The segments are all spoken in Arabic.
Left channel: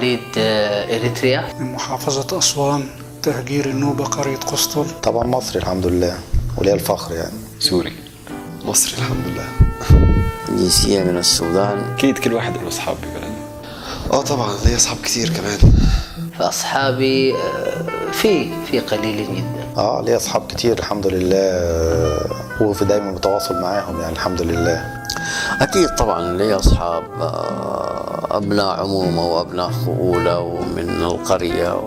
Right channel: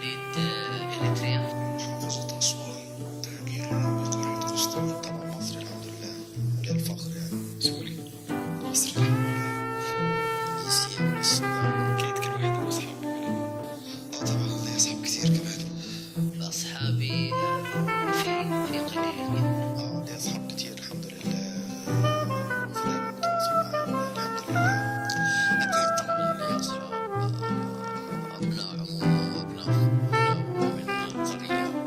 مواليد إريتريا. من محافظة أسوان، تهجير النوبة، قرية قسطل. طبعا مصري الحمد لله وليا الفخر يعني. سوري. مصري الحمد لله. جنسية من السودان. أكيد كل واحد له أصحاب ببلد. طبعا ليا أصحاب كتير كمان. فأصحابي في قليلين جدا. ليا أصحاب كتير الحمد لله، وفي دايما بتواصل معاهم يعني الحمد لله. أكيد طبعا لي أصحاب، أبناء عمومة وأبناء فؤولة ومن القرية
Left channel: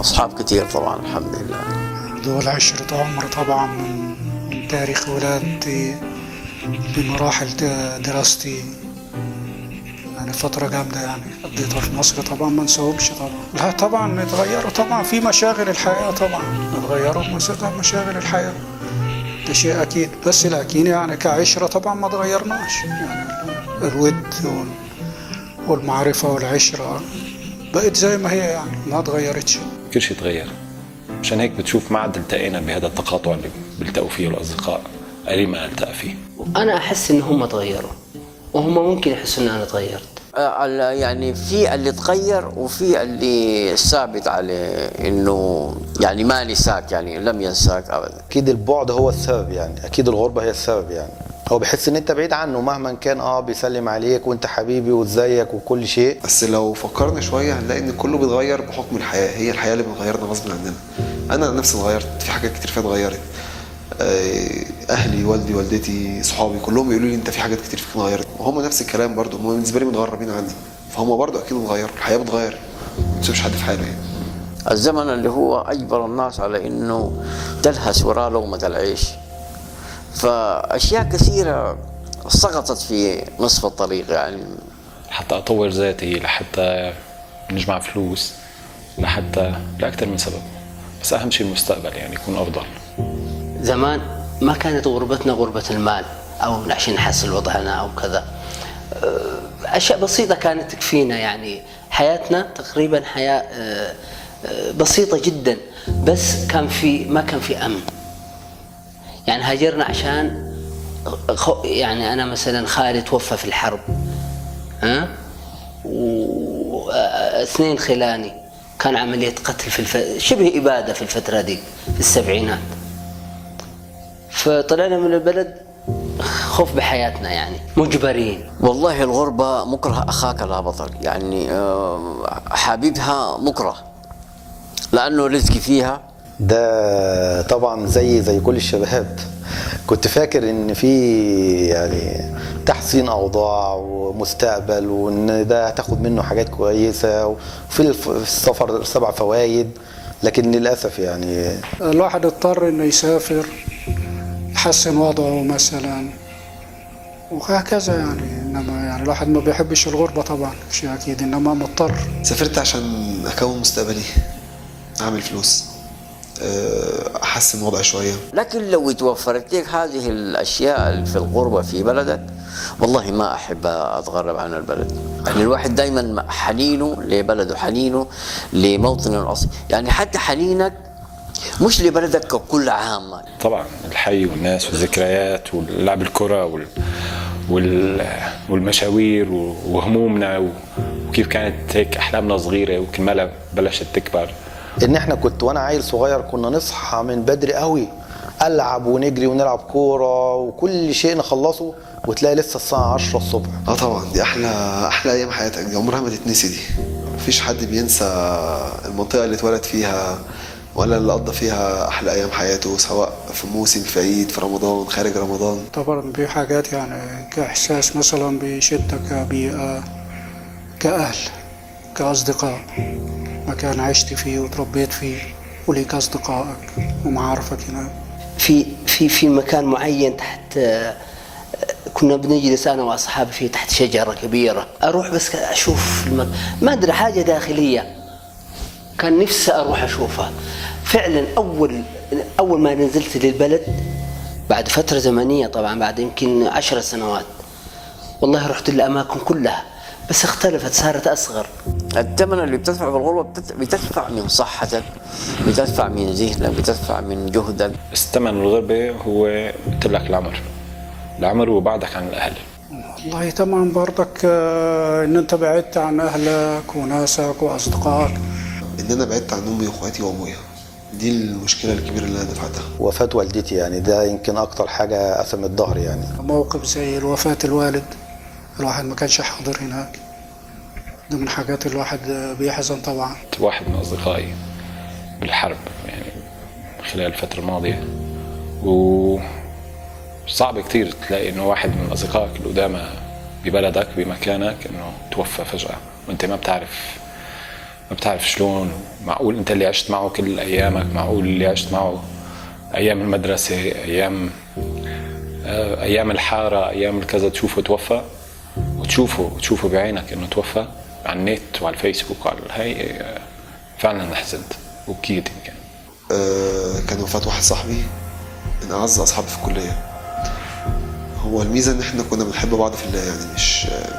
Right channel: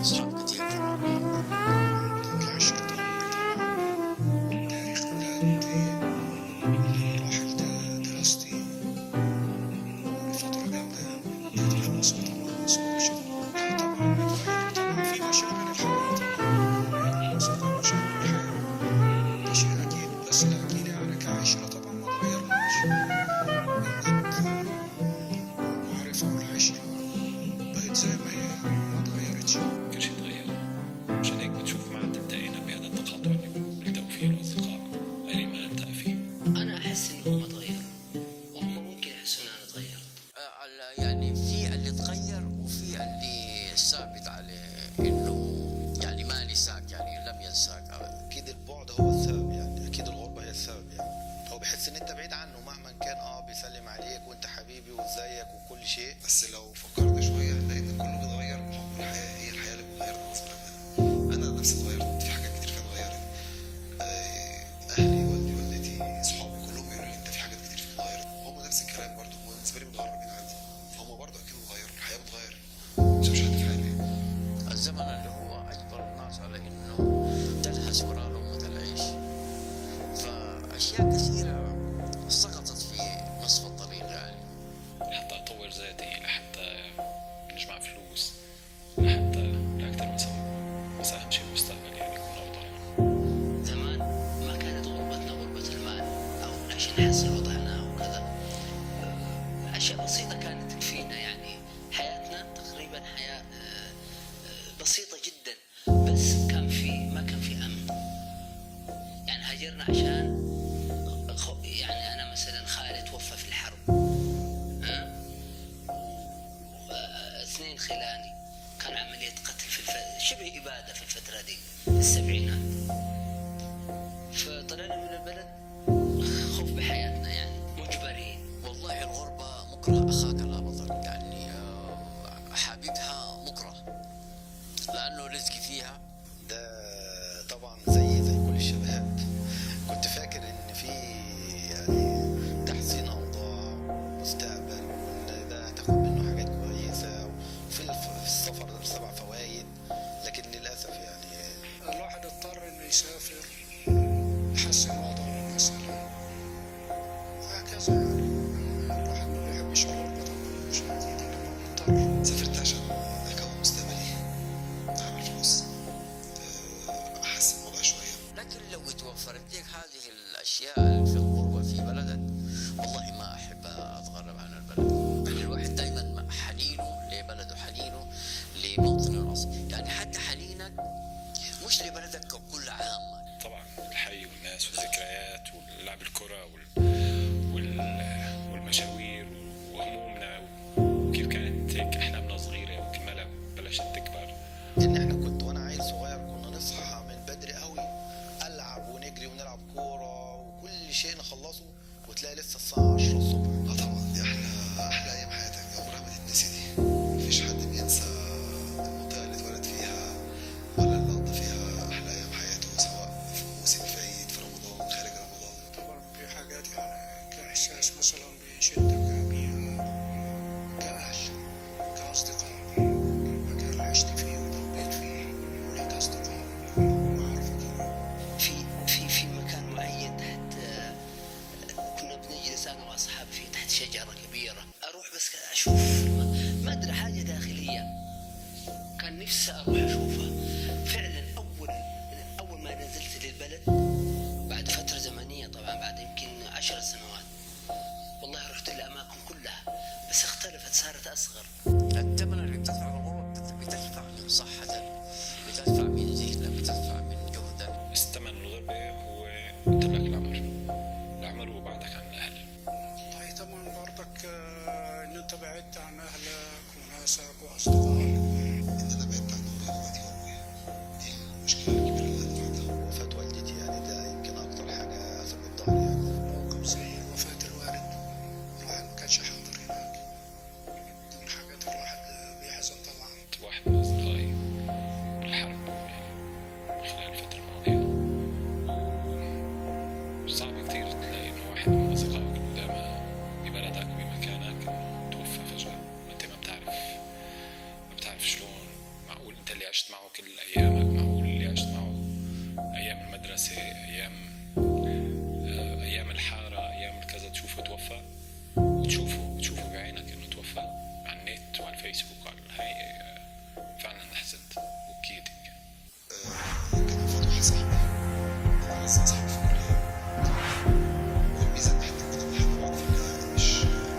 أصحاب كتير طبعا الحمد لله. دول عشرة عمر طبعا، من تاريخ ولادتي بمراحل دراستي، يعني فترة جامدة يعني قضيتها في مصر طبعا ما نسوقش طبعا. لا طبعا اتغيروا طبعا في مشاغل الحياة، طبعا اتغيروا مشاغل الحياة، ده شيء أكيد. بس لكن يعني كعشرة طبعا ما اتغيرناش، الود والمعرفة والعشرة بقت زي ما هي يعني ما اتغيرتش. كل شيء تغير، عشان هيك بتشوف ما عاد التقينا بهذا التقاطع اللي بيلتقوا فيه الأصدقاء، قليل ما نلتقى فيه. أنا أحس إن هم تغيروا وهم ممكن يحسوا إن أنا تغيرت. يعني في اللي تغير وفي اللي ثابت عليه انه يعني ما نساك، يعني لم ينساك ابدا. اكيد البعد هو السبب يعني، اكيد الغربه هي السبب يعني. هو بيحس ان انت بعيد عنه مهما كان، بيسلم عليك وانت حبيبي وازيك وكل شيء. بس لو فكرنا شويه هنلاقي ان كله بيتغير بحكم الحياه، هي الحياه اللي بتغيرنا غصب عننا. انا نفسي اتغيرت، في حاجات كتير فيها اتغيرت. اهلي، والدي، والدتي، صحابي كلهم بيقولوا لي انت في حاجات كتير فيك اتغيرت، وهم نفس الكلام برضه، هم بالنسبه لي متغربين عني، فهم برضه اكيد اتغيروا. الحياه بتغير، ما تسيبش حد في حاله يعني. الزمن اللي هو اجبر الناس على انه تلهس وراء لقمه العيش، فاشياء كثيره سقطت في نصف الطريق يعني. لحتى اطور ذاتي، لحتى نجمع فلوس، لاكثر من سبب، بس اهم شيء المستقبل يعني يكون افضل. زمان ما كانت غربتنا غربة المال أو عشان نحصل وضعنا أو كذا، أشياء بسيطة كانت تكفينا يعني. حياتنا تقريبا حياة بسيطة جدا، بس ما كان في أمن. يعني هاجرنا عشان يعني أنا مثلا خالي توفى في الحرب، واثنين خلاني كان عملية قتل شبه إبادة في الفترة دي في السبعينات. فطلعنا من البلد خوف بحياتنا يعني، مجبرين. والله الغربة مكره أخاك لا بطل يعني، حبيبها مكره لأنه رزقي فيها. ده طبعا زي كل الشباب كنت فاكر ان في يعني تحسين اوضاع ومستقبل، وان ده هتاخد منه حاجات كويسه، وفي السفر 7 فوائد، لكن للاسف يعني الواحد اضطر انه يسافر يحسن وضعه مثلا وهكذا يعني. انما يعني الواحد ما بيحبش الغربه طبعا شيء اكيد، انما مضطر. سافرت عشان اكون مستقبلي، اعمل فلوس، احسن وضعي شويه. لكن لو توفرت لك هذه الاشياء في الغربه في بلدك، والله ما احب اتغرب عن البلد. يعني الواحد دائما حنينه لبلده، حنينه لموطنه الاصلي، يعني حتى حنينك مش لبلدك ككل عامه. طبعا الحي والناس والذكريات ولعب الكره والمشاوير وهمومنا، وكيف كانت هيك احلامنا صغيره وكل بلشت تكبر. ان احنا وانا عيل صغير كنا نصحى من بدري قوي، العب ونجري ونلعب كوره وكل شيء نخلصه، وتلاقي لسه الساعه 10 الصبح. طبعا دي احلى ايام حياتك، دي عمرها ما تتنسي. دي مفيش حد بينسى المنطقه اللي اتولد فيها ولا اللي قضى فيها احلى ايام حياته، سواء في موسم، في عيد، في رمضان، خارج رمضان. طبعا في حاجات يعني كاحساس مثلا بشدة، كبيئه، كاهل، كاصدقاء، مكان عشت فيه وتربيت فيه وليك اصدقائك ومعارفك هناك. في مكان معين تحت، كنا بنجلس انا واصحابي فيه تحت شجره كبيره، اروح بس اشوف ما ادري حاجه داخليه كان نفسي اروح اشوفها فعلا. اول ما نزلت للبلد بعد فتره زمنيه، طبعا بعد يمكن 10 سنوات، والله رحت الاماكن كلها بس اختلفت، صارت اصغر. الثمن اللي بتدفع في الغربة بتدفع من صحتك، بتدفع من ذهنك، بتدفع من جهدك. بس ثمن الغربة هو قلت لك العمر وبعدك عن الأهل. والله طبعا برضك ان انت بعدت عن اهلك وناسك واصدقائك. ان انا بعدت عن امي واخواتي وابويا، دي المشكله الكبيره اللي انا دفعتها. وفاة والدتي يعني ده يمكن اكتر حاجة قسمت ظهري يعني. موقف زي وفاة الوالد، الواحد ما كانش حاضر هناك، ده من حاجات الواحد بيحزن طبعا. واحد من أصدقائي بالحرب يعني خلال الفترة الماضية، وصعب كتير تلاقي إنه واحد من أصدقائك القدامى ببلدك بمكانك إنه توفى فجأة وأنت ما بتعرف شلون. معقول أنت اللي عشت معه كل أيامك، معقول اللي عشت معه أيام المدرسة، أيام الحارة، أيام الكذا، تشوفه توفى وتشوفه بعينك إنه توفى على النت وعلى الفيسبوك وعلى هاي. فعلا حزنت وبكيت يمكن. كان وفاة واحد صاحبي من أعز أصحابي في الكلية. هو الميزة إن إحنا كنا بنحب بعض في الله، يعني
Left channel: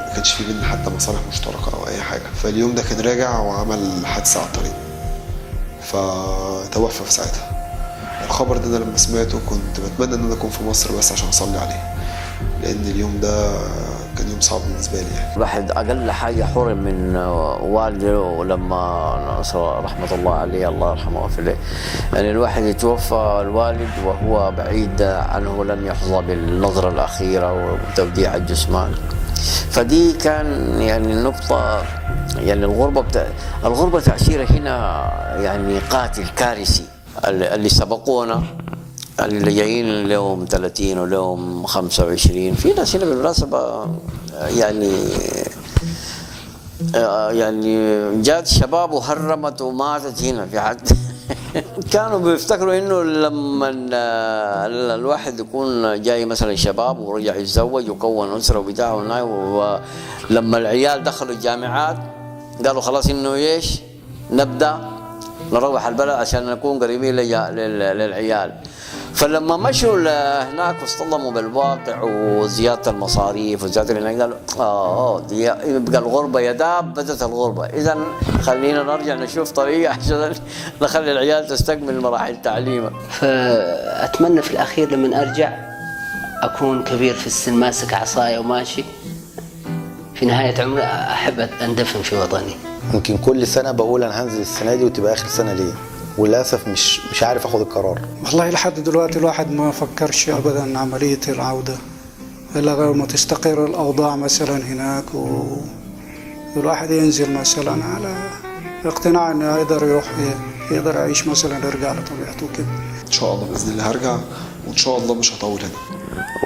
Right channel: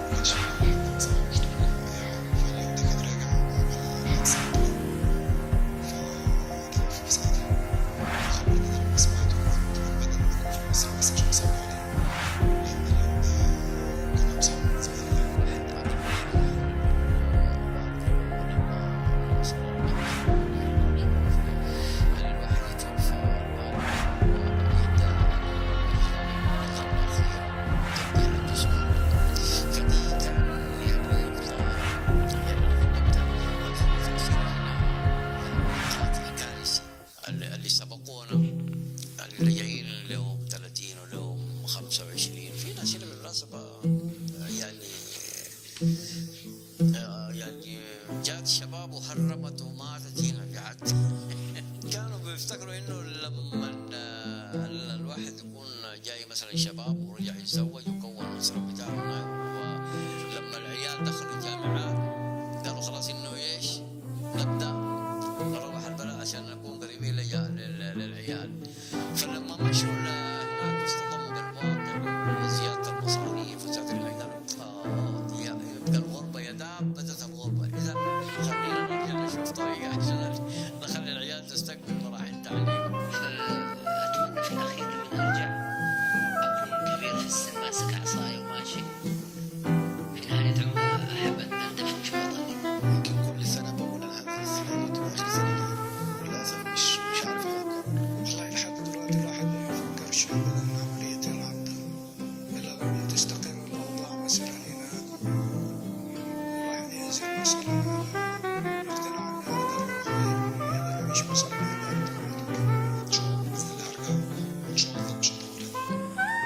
ما كانش في بينا حتى مصالح مشتركة أو أي حاجة. فاليوم ده كان راجع وعمل حادثة على الطريق فتوفى في ساعتها. الخبر ده أنا لما سمعته كنت بتمنى إن أنا أكون في مصر بس عشان أصلي عليه، لأن اليوم ده كان يوم صعب بالنسبة لي يعني. الواحد أقل حاجة حرم من والده، ولما رحمة الله عليه الله يرحمه ويغفر له، يعني الواحد يتوفى الوالد وهو بعيد عنه، لم يحظى بالنظرة الأخيرة وتوديع الجثمان. فدي كان يعني النقطة، يعني الغربة تأثيرها هنا يعني قاتل كارثي. اللي سبقونا اللي جايين لهم 30 ولهم 25، في ناس هنا بالمناسبة يعني جات شباب وهرمت وماتت هنا في حد. كانوا بيفتكروا انه لما الواحد يكون جاي مثلا شباب ورجع يتزوج وكون اسره وبتاع، ولما العيال دخلوا الجامعات قالوا خلاص انه ايش نبدا نروح البلد عشان نكون قريبين للعيال. فلما مشوا هناك واصطدموا بالواقع وزياده المصاريف وزياده هناك، قالوا يبقى الغربه يا داب بدت الغربه، اذا خلينا نرجع نشوف طريقه عشان نخلي العيال تستكمل مراحل تعليمها. فأتمنى في الأخير لما أرجع أكون كبير في السن ماسك عصاية وماشي. في نهاية عمري أحب أندفن في وطني. يمكن كل سنة بقول أنا هنزل السنة دي وتبقى آخر سنة ليه، وللأسف مش عارف أخد القرار. والله لحد دلوقتي الواحد ما فكرش أبدا عملية العودة إلا غير ما تستقر الأوضاع مثلا هناك، والواحد ينزل مثلا على اقتناع إنه يقدر يعيش مثلا، يرجع لطبيعته كده. إن شاء الله بإذن الله هرجع، وإن شاء الله مش هطول هنا.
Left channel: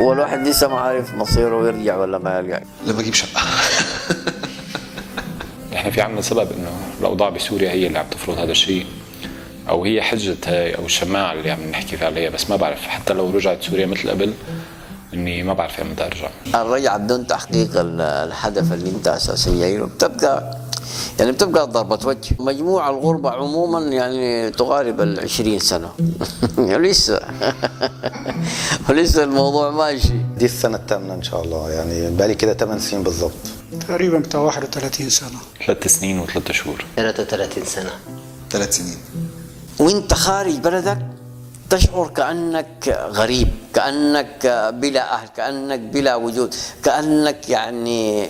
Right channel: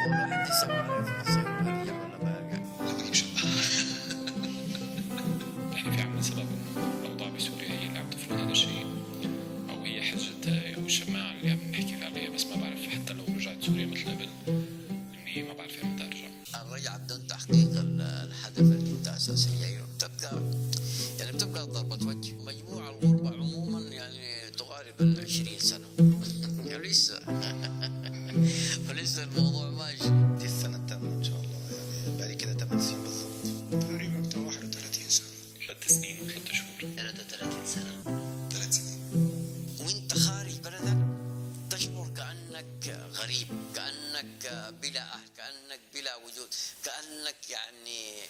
هو الواحد لسه ما عارف مصيره يرجع ولا ما يرجع. لما أجيب شقة. احنا في عندنا سبب انه الاوضاع بسوريا هي اللي عم تفرض هذا الشيء، او هي حجه هاي او الشماعه اللي عم نحكي عليها. بس ما بعرف حتى لو رجعت سوريا مثل قبل اني ما بعرف امتى ارجع. الرجعه بدون تحقيق الهدف اللي انت اساسا جاي له بتبقى ضربة وجه. مجموع الغربة عموما يعني تقارب 20 سنة. ولسه الموضوع ماشي. دي السنة الثامنة إن شاء الله، يعني بقالي كده 8 سنين بالظبط. تقريبا بتاع 31 سنة. 3 سنين و3 شهور. 33 سنة. 3 سنين. وانت خارج بلدك تشعر كأنك غريب، كأنك بلا أهل، كأنك بلا وجود، كأنك يعني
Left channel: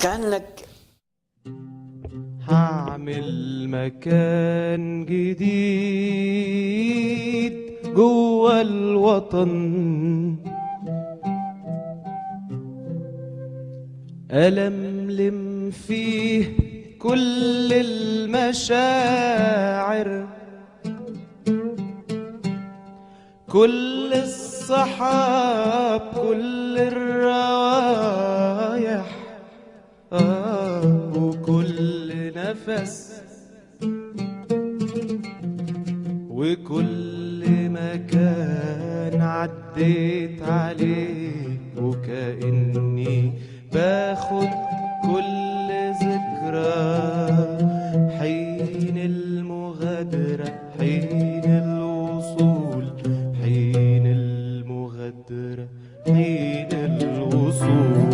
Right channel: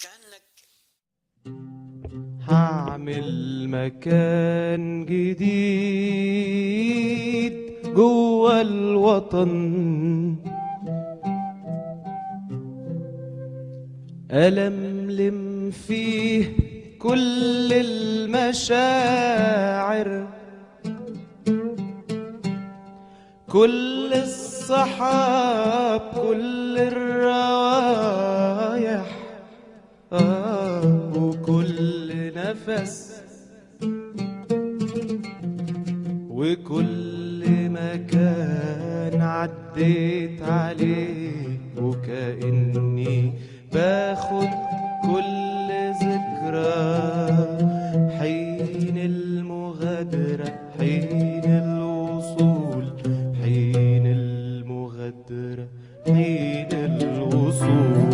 كأنك هعمل مكان جديد جوا الوطن، ألملم فيه كل المشاعر، كل الصحاب، كل الروايح، وكل نفس، وكل مكان عديت عليه، وكأني باخد كل ذكرى، حين المغادرة، حين الوصول، حين المغادرة، حين الوصول.